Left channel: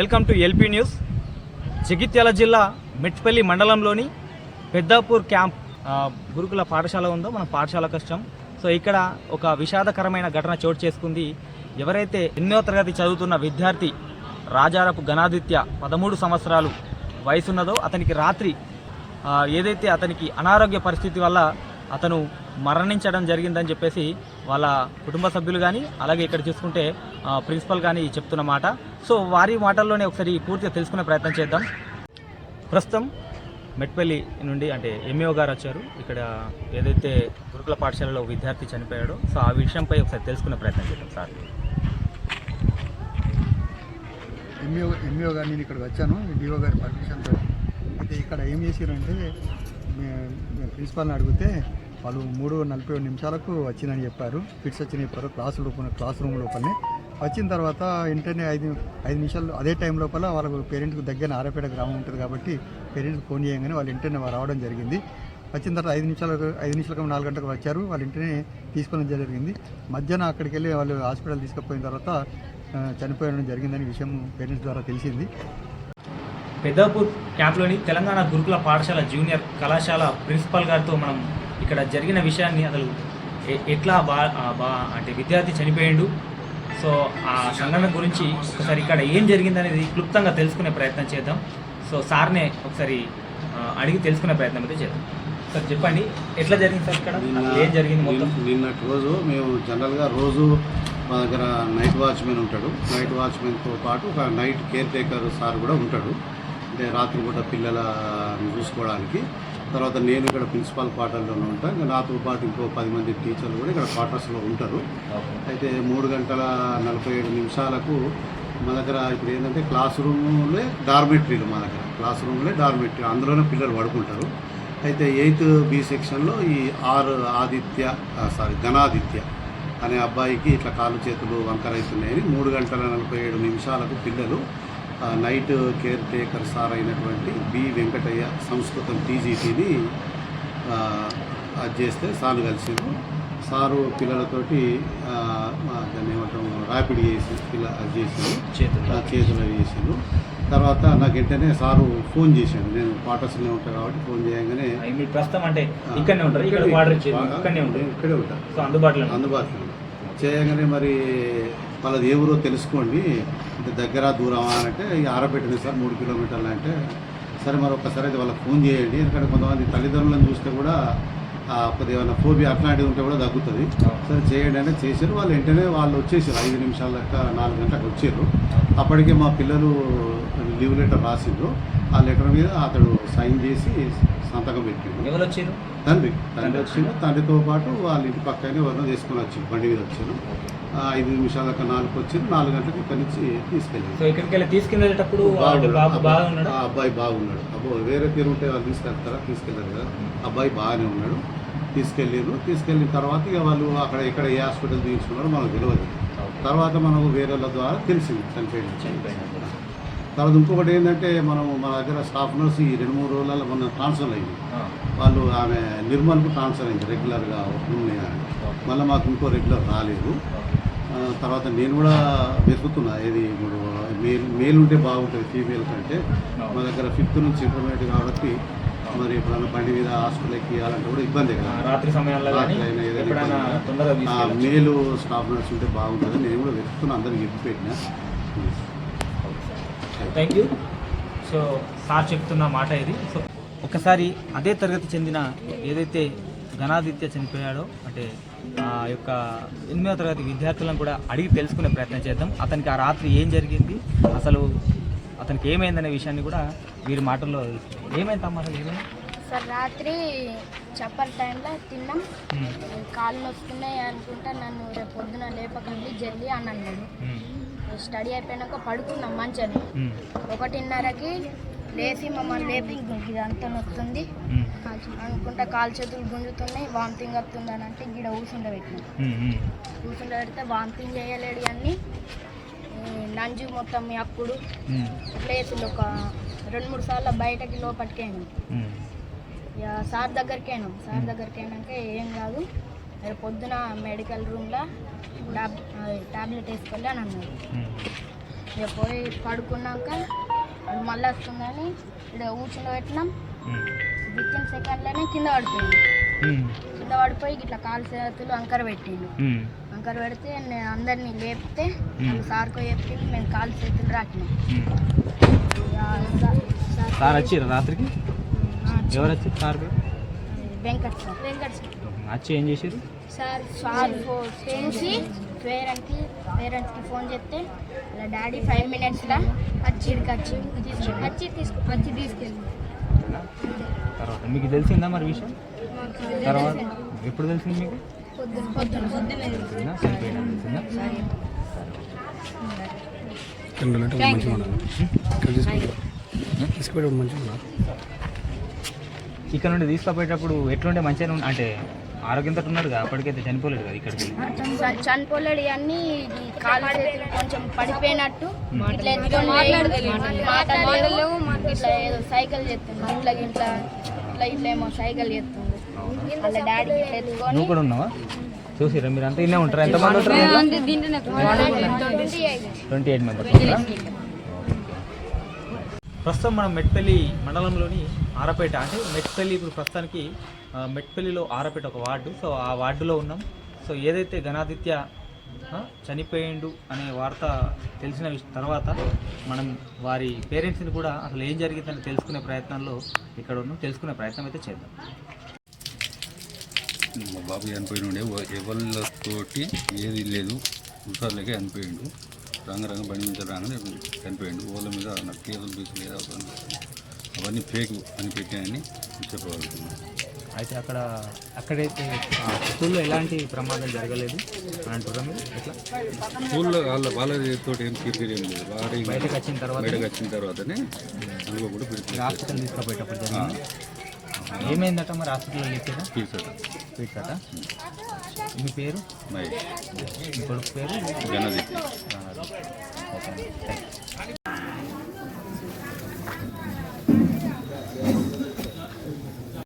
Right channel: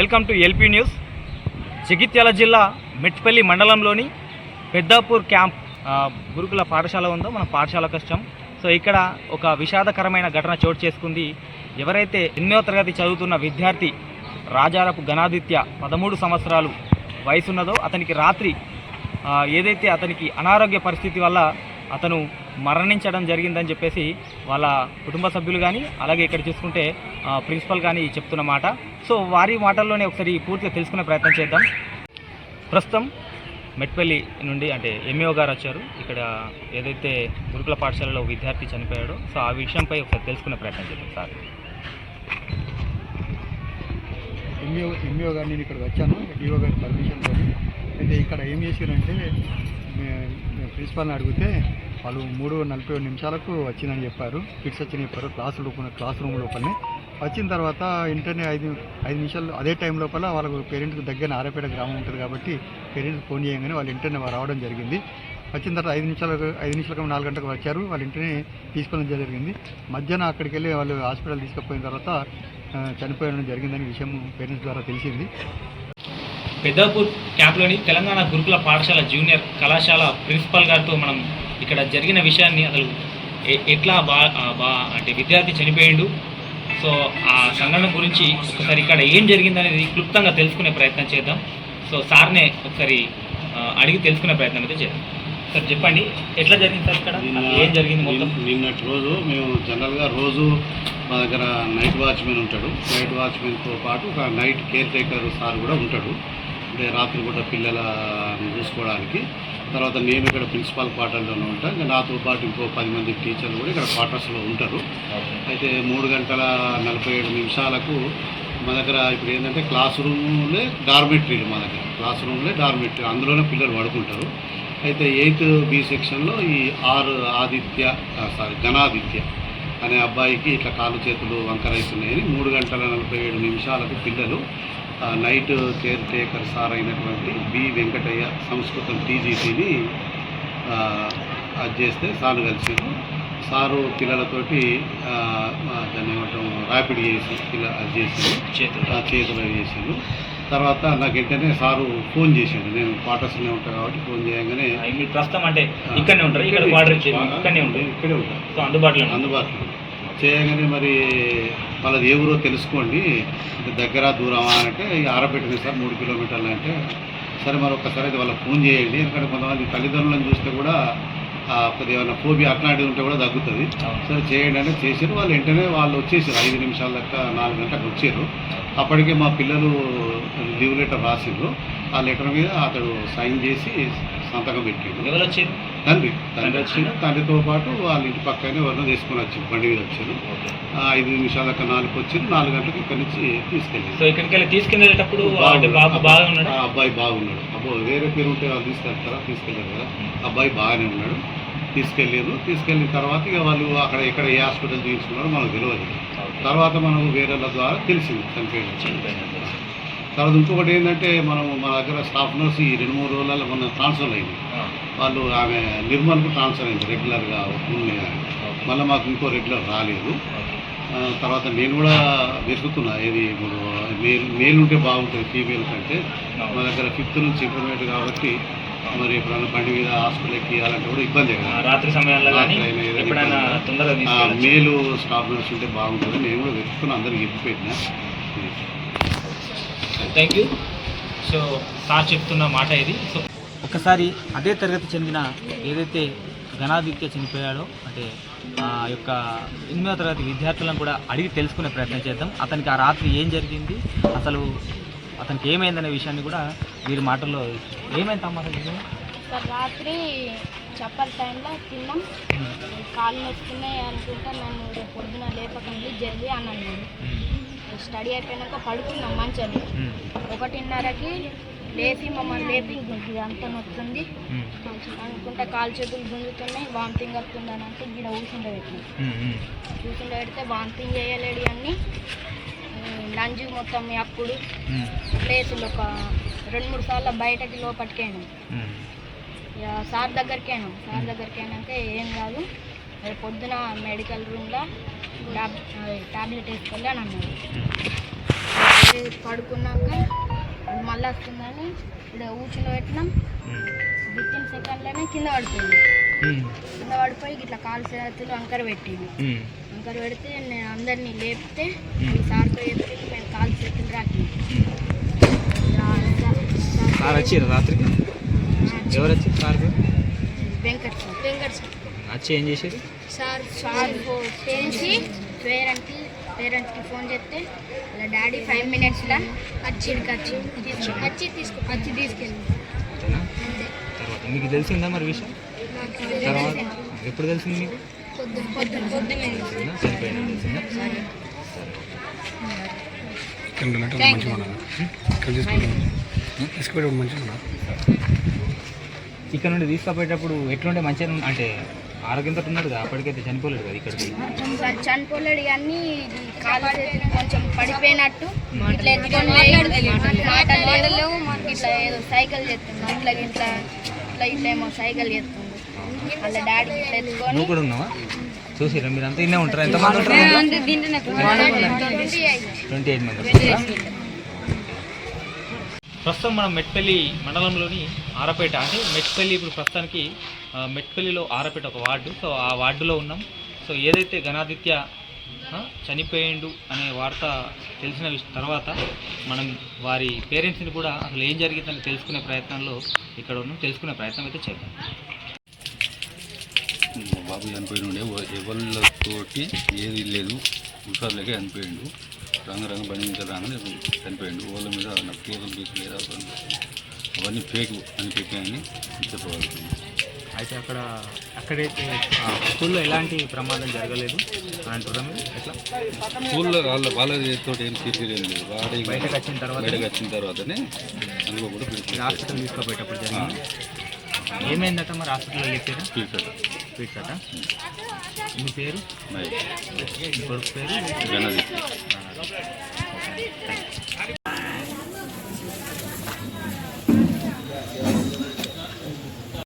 Welcome to LP news. Jagtial జిల్లా మెట్పల్లి మండలంలోని Peddapur camp గురుకుల పాఠశాల ఉందో మన పాఠశాల కష్టం. సో ఇక్కడ ఒక విషాదకరమైన ఘటన చోటు చేసుకుంది. ఎవరైతే ఎనిమిదవ తరగతి చదువుతున్న విద్యార్థి రాజారపు గణాదిత్య పదమూడు సంవత్సరాలు వయసున్నదో అతనికి రాత్రి ఏదైతే అతనికి అనారోగ్య పరిస్థితి వల్ల అతను మరణించడం జరిగిందని చెప్పేసి వాళ్ళ కుటుంబ సభ్యులు కానీ అలాగే ఇక్కడ చూసుకుంటే ప్రిన్సిపల్ కానీ చెప్తున్న మాట. సో వారి మాటల్లోనే ఒకసారి పూర్తిగా తెలుసుకునే ప్రయత్నం చేద్దాం. ప్రస్తుతం మెట్పల్లి నుండి అంటే ఎంఏఓ గారు వచ్చారు. ఇక్కడ ఏదైతే గురుకుల పాఠశాలలో విద్యార్థి చనిపోయాడో సో ఆ విషయంపై ఒకసారి తెలుసుకునే ప్రయత్నం చేద్దాం సార్. ఎంఈఓ ఎంఈఓ గారు నేను ఇక్కడికి వచ్చాను. డిఓ గారి పర్మిషన్ అయితే ఇక్కడ ఏం చేసారంటే ప్రిన్సిపాల్ని అడిగితే వాళ్ళు మూడు నలభై నిమిషాలకు వచ్చిందని చెప్పారు. ఫిట్స్ వచ్చి చెప్పారు క్లాస్ లోపల క్లాస్ రూమ్ లోపలనే. వచ్చిన తర్వాత వెంటనే ఐదు ఐదు నిమిషాలు అదే టైం లోపల వాళ్ళకు పేరెంట్స్కి దగ్గర ఆరపేట గ్రామం ఉంటుంది కాబట్టి పేరెంట్స్ ఫోన్ చేయగానే వాళ్ళు వెంటనే రావడం జరిగింది. వచ్చిన తర్వాత ఐదు నిమిషాలకు ఐదు నిమిషాలకు నాలుగు గంటలకు వచ్చారు. వాళ్ళు వెంటనే తీసుకోవడం జరిగింది. మధ్యాహ్నం అక్కడికి వెళ్ళి వాళ్ళు హాస్పిటల్ తీసుకుపోయిన తర్వాత చనిపోయడం జరిగిందని విషయం పేరెంట్స్ ద్వారా తెలిసింది. పెద్దాపూర్ క్యాంప్లోని తెలంగాణ గురుకుల పాఠశాల జూనియర్ కళాశాల ప్రిన్సిపల్ గారితో మనం ఇక్కడ జరిగిన విషయాన్ని అసలు ఎట్లా బా బా అంటే విద్యార్థి చనిపోయిండు. సో ఆ సంఘటన గురించి ఒకసారి ఇక్కడ ఏం జరిగిందనేది క్లుప్తంగా తెలుసుకునే ప్రయత్నం చేద్దాం. సో సార్నే ఒకసారి అడిగి తెలుసుకునే ప్రయత్నం అయితే చేద్దాం. సార్ చెప్పండి. ఎట్లా జరిగింది సార్ ఇక్కడ? ఏం జరిగింది మొత్తం? నిన్న- నిన్నటి రోజు మేము జనరల్గా రోజు మా దగ్గర నైట్ వాచ్మెన్ ఉంటాడు. నైట్ వాచ్మెన్తో పాటు ఒక నైట్ కేర్ టేకర్ సార్ కూడా ఉంటాడు. రాత్రిపూట రాత్రి పిల్లలను చూసుకోవడానికి. తర్వాత నేను ఇక్కడ ప్రిన్సిపాల్ క్వార్టర్లోనే ఉంటాను ఇంకా నాతో పాటు ఇంకో పది మంది టీచర్లు కూడా ఇక్కడ క్వార్టర్స్లో ఉంటారు. అయితే మూడు గంటల నలభై ఏడు నిమిషాలకు మా దగ్గర ఇప్పుడు ఏంటంటే క్లాస్ రూమ్లే డార్మెటరీలు మా దగ్గర. క్లాస్ రూమ్లే డార్మెటరీ. అందులోనే పిల్లలు పడుకుంటారు. అయితే ఎయిత్ బి సెక్షన్లో ఈ ఆర్ ఆదిత్య సారీ ఘనాదిత్య అనే అబ్బాయికి ఇట్లా కాళ్ళు చేతులు వంకరవుతున్నాయని మూడు గంటల నలభై ఏడు నిమిషాలకు పిల్లలు నైట్ కేర్ టేకర్ సార్ అయినటువంటి బి వెంకటయ్య సంస్కృతం టీజీటీని అది చేస్తే సార్లు కలిసిండు సారు పిల్లలతోటి దాన్ని ఏమంటాం ర్యాపిడ్ చేసి పిల్ల అది చేసిండు చేతులు చేసిండు తర్వాత నాకు వెంటనే సారు ఫోన్ చేశాడు నేను క్వార్టర్స్లో ఉంటాను కాబట్టి ఫోన్ చేయగానే ప్రస్తుతం అంటే ఇక్కడనే ఉంటారు? ఇక్కడ ఉంటాను అందుబాటులో. అందుబాటులో. చేయగానే మరి వాళ్ళది ఏ ఊరో తెలుసుకోండి. అంటే దగ్గర దూరమా అంటే ఆరబెట్టింది సార్ మూడు కిలోమీటర్లు అంటే. సరే మరి ఒక్కసారి అయితే వాళ్ళకి ఫోన్ చేయండి. ఎందుకంటే కొంతమంది తల్లిదండ్రులను చూస్తే కూడా ఆ, కొద్దిగా ఏమైనా ఫోబియా అట్లాంటిది ఉంటే కూడా తగ్గుతుంది. సరే చేయండి అంటే చేసారు వాళ్ళు వెంటనే వాళ్ళు వచ్చేసారు ఐదు నిమిషాల దాకా నాలుగు గంటలకు వచ్చారు. అప్పటికే మా పిల్లలు లీవ్ లెటర్ రాసిండ్రు. ఆ లెటర్ మీద అతడు సైన్ చేసి సంతకం పెట్టిండు. ఎవరు వచ్చారు? తండ్రి. తండ్రి వచ్చిండు. తండ్రితో పాటు వాళ్ళ ఇంటి పక్కనే ఎవరినో తీసుకుని వచ్చారు బండి మీద వచ్చారు ఆ, ఐదు నిమిషాల దాకా నాలుగు వచ్చి నాలుగు గంటలకు ఇక్కడి నుంచి ఇక్కడికి ఉన్నాడు? ఆ అబ్బాయి బాగున్నాడు. అబ్బో వేరే పేరు ఉంటే వాళ్ళు తీసుకెళ్తారా? తీసుకెళ్ళారు కదా. అబ్బాయి బాగానే ఉన్నాడు. తీసుకెళ్ళారు తీసుకెళ్ళిన తర్వాత ఇక వాళ్ళు అక్కడ ఎక్కడ ఏ హాస్పిటల్ తీసుకున్నారో మనకు తెలియదు తర్వాత మనకు వేరే వాళ్ళ ద్వారా తెలిసింది చనిపోయింది తర్వాత ఇంకొకటి ఏంటంటే మనం మన దగ్గర స్టాఫ్ నర్స్ ఈ రెండు మూడు రోజులలో మన ట్రాన్స్ఫర్ అయింది. వాళ్ళు ఆమె నిర్మల్కు ట్రాన్స్ఫర్ అయింది రెగ్యులర్గా ఉన్నాయి. మళ్ళీ మాకు ఇంకో రెగ్యులర్ రాలేదు. తర్వాత నేను కూడా వెతుకుతున్నా ఏది ఇప్పుడు మేల్ మేల్ ఉంటే బాగుంటుంది ఫీమేల్ కంటే. మా దగ్గర ఫిఫ్త్ నుంచి ఇంటర్మీడియట్ కాబట్టి మరి ఎప్పుడైనా బండి మీద హాస్పిటల్ ఎక్కి అలాంటి కూడా ఇబ్బంది కదా. రాత్రి తీసుకెళ్ళచ్చు. మేలు స్టాఫ్ నర్స్ ఉంటే బాగుంటుంది. నేను కూడా వెతుకుతున్నా అందరికి చెప్పి పెట్టినా. Thank you. సో సార్ చెప్తున్న మాట ఇది. సో ఒకసారి అదే తరగతి చెందిన ఏదైతే ఘనాదిత్య చనిపోయాడో అంటే ఆ యొక్క ఎనిమిదవ తరగతి విద్యార్థులను కూడా అడిగి తెలుసుకునే ప్రయత్నం చేద్దాం. అతనికి ఆ రాత్రి ఏం జరిగింది? అసలు అతనికి ఏమైందనే విషయాన్ని కూడా వీరి మాటల్లో ఏమైంది అమ్మ? సార్ రాత్రి చప్పల్ టైంలో తిన్నాం. కాళ్ళు నొస్తున్నాయి అనుకుంటా నన్ను రేపు పొద్దున లేపకండి జల్లి అని అన్నాడు. స్టడీ అయిపోయినాక పడుకున్నాం మంచని ఉమ్, ఒకటిన్నరకి లేచి మమ్మల్ని లేపి. అంత నొస్తుంది అనుకుంటా కాలు చేతులు గుంజుతున్నాయి వామిటింగ్ వస్తుంది అని అంటే గిడ ఉమ్, ఊసుండబెడితే వామిటింగ్ చేయలేడు అన్ని నంజు మొత్తం అప్పుడు. ప్లేసులు ఒక రెండు మూడు సార్లు బయటకి ఉమ్. ఇక సార్ దగ్గరికి అయినాం సార్ దగ్గరికి అయినాక ఏం కాదు. రేపు పొద్దున మెడికల్ రూమ్లో టాబ్ టాబ్లెట్ వేసుకోవాలి అని అన్నారు. పడుకున్నాక అది మళ్ళీ వస్తుందని ఇక్కడ ఊచిలో పెట్టినాం. విత్ ఇన్ సెకండ్లోనే కింద పడిపోయింది. కింద పడిపోయి ఇట్లా కాలు చేతులు అంకర పెట్టింది. అంకర పెడితే నేను అందరినీ లేపితే సార్కో చెప్తే మేము కాలు చేతులు రాకినాం. రాత్రికి? వెంకట్ సార్. వెంకట్ సార్. వచ్చి ఏం చేసేది సార్ సార్ చేసి పేరెంట్కి పేరెంట్స్కి ఫోన్ చేస్తే ఇలా డాడీ ఫైవ్ మినిట్స్లో వచ్చిడికి వచ్చి తీసుకు వచ్చి తీసుకు వచ్చి తీసుకెళ్ళి తర్వాత మీకు తెలిసిందా మరి విషయం? తర్వాత ఎప్పుడు తెలిసింది మీకు? చనిపోయినా ఇక్కడ నుండి తీసుకుపోయేటప్పుడు ఎట్లుంటే మంచిగా అంటే ఆరోగ్యంతో ఉన్నాడు కదా అప్పటికైతే చనిపోలేడు కదా ఇక్కడికి? చనిపోలేడు. అన్నీ చేతులు కొంచెం పడిపోయినట్టు. ఇట్లా ఎత్తుకొని మాటలు లేవు. ఇట్లా ఏదో సైకిల్ చేస్తుంది ఇట్లా ఇట్లా ఇట్లా ఇట్లా ఏమో సైకిల్ చేస్తుంది వాళ్ళ డాడీ ఇట్లా ఎత్తుకొని నువ్వు కూడా ఉన్నావా? చూసిరా మీరు అంతా ఇన్నే ఉంటారా? ఎంతమంది ఉంటారు? Twenty eight. మెంబర్స్ ప్రస్తుతం మనం మెట్పల్లి మండలంలోని ఆరపేట అంటే మెట్పల్లి ఇప్పుడు ప్రస్తుతానికి మెట్పల్లిలో ఆరపేట ఒక వార్డు. సో ఆ వార్డులో ఉన్నాం. సో ఏదైతే గణాదిత్య చనిపోయిండు అనే వార్త తెలిసిన తర్వాత మనం వారి పేరెంట్స్ని కూడా అసలు ఏం జరిగిందని తెలుసుకునే ప్రయత్నంలో ఇక్కడ ఉన్నాం. తెలుసుకునే ప్రయత్నం అయితే చేద్దాం. బాబు చనిపోయినుండే ఎవరితోటి ఏది లేదు. హుషారులకే చనిపోయిండు. రంగ రంగ బండి మీద రాగానే చనిపోయిండు. వాళ్ళ మీద నాకు కేసులు బీసులు లేదా అవన్నీ ఫేక్ అని పెట్టాయని చెప్పగలుగుతుంది అయితే అక్కడ అక్కడైతే స్కూల్లో ఎలాంటి ప్రమాదం జరగలేదు? మీరు ఎట్లా? స్కూల్లో వాళ్ళ వాళ్ళతో ఏం తిరిగి ఏం లేదు. వాడి బయటకు వచ్చిన తర్వాత? బయటకు వచ్చిన తర్వాతనే అనుకోకుండా హాస్పిటల్ తీసుకుపోయేటప్పుడు జరిగింది? ఏమైందట మరి హాస్పిటల్లో చెప్పారా పిలిచాడు స్వీకట మీ పేరు పేరు గణజిత్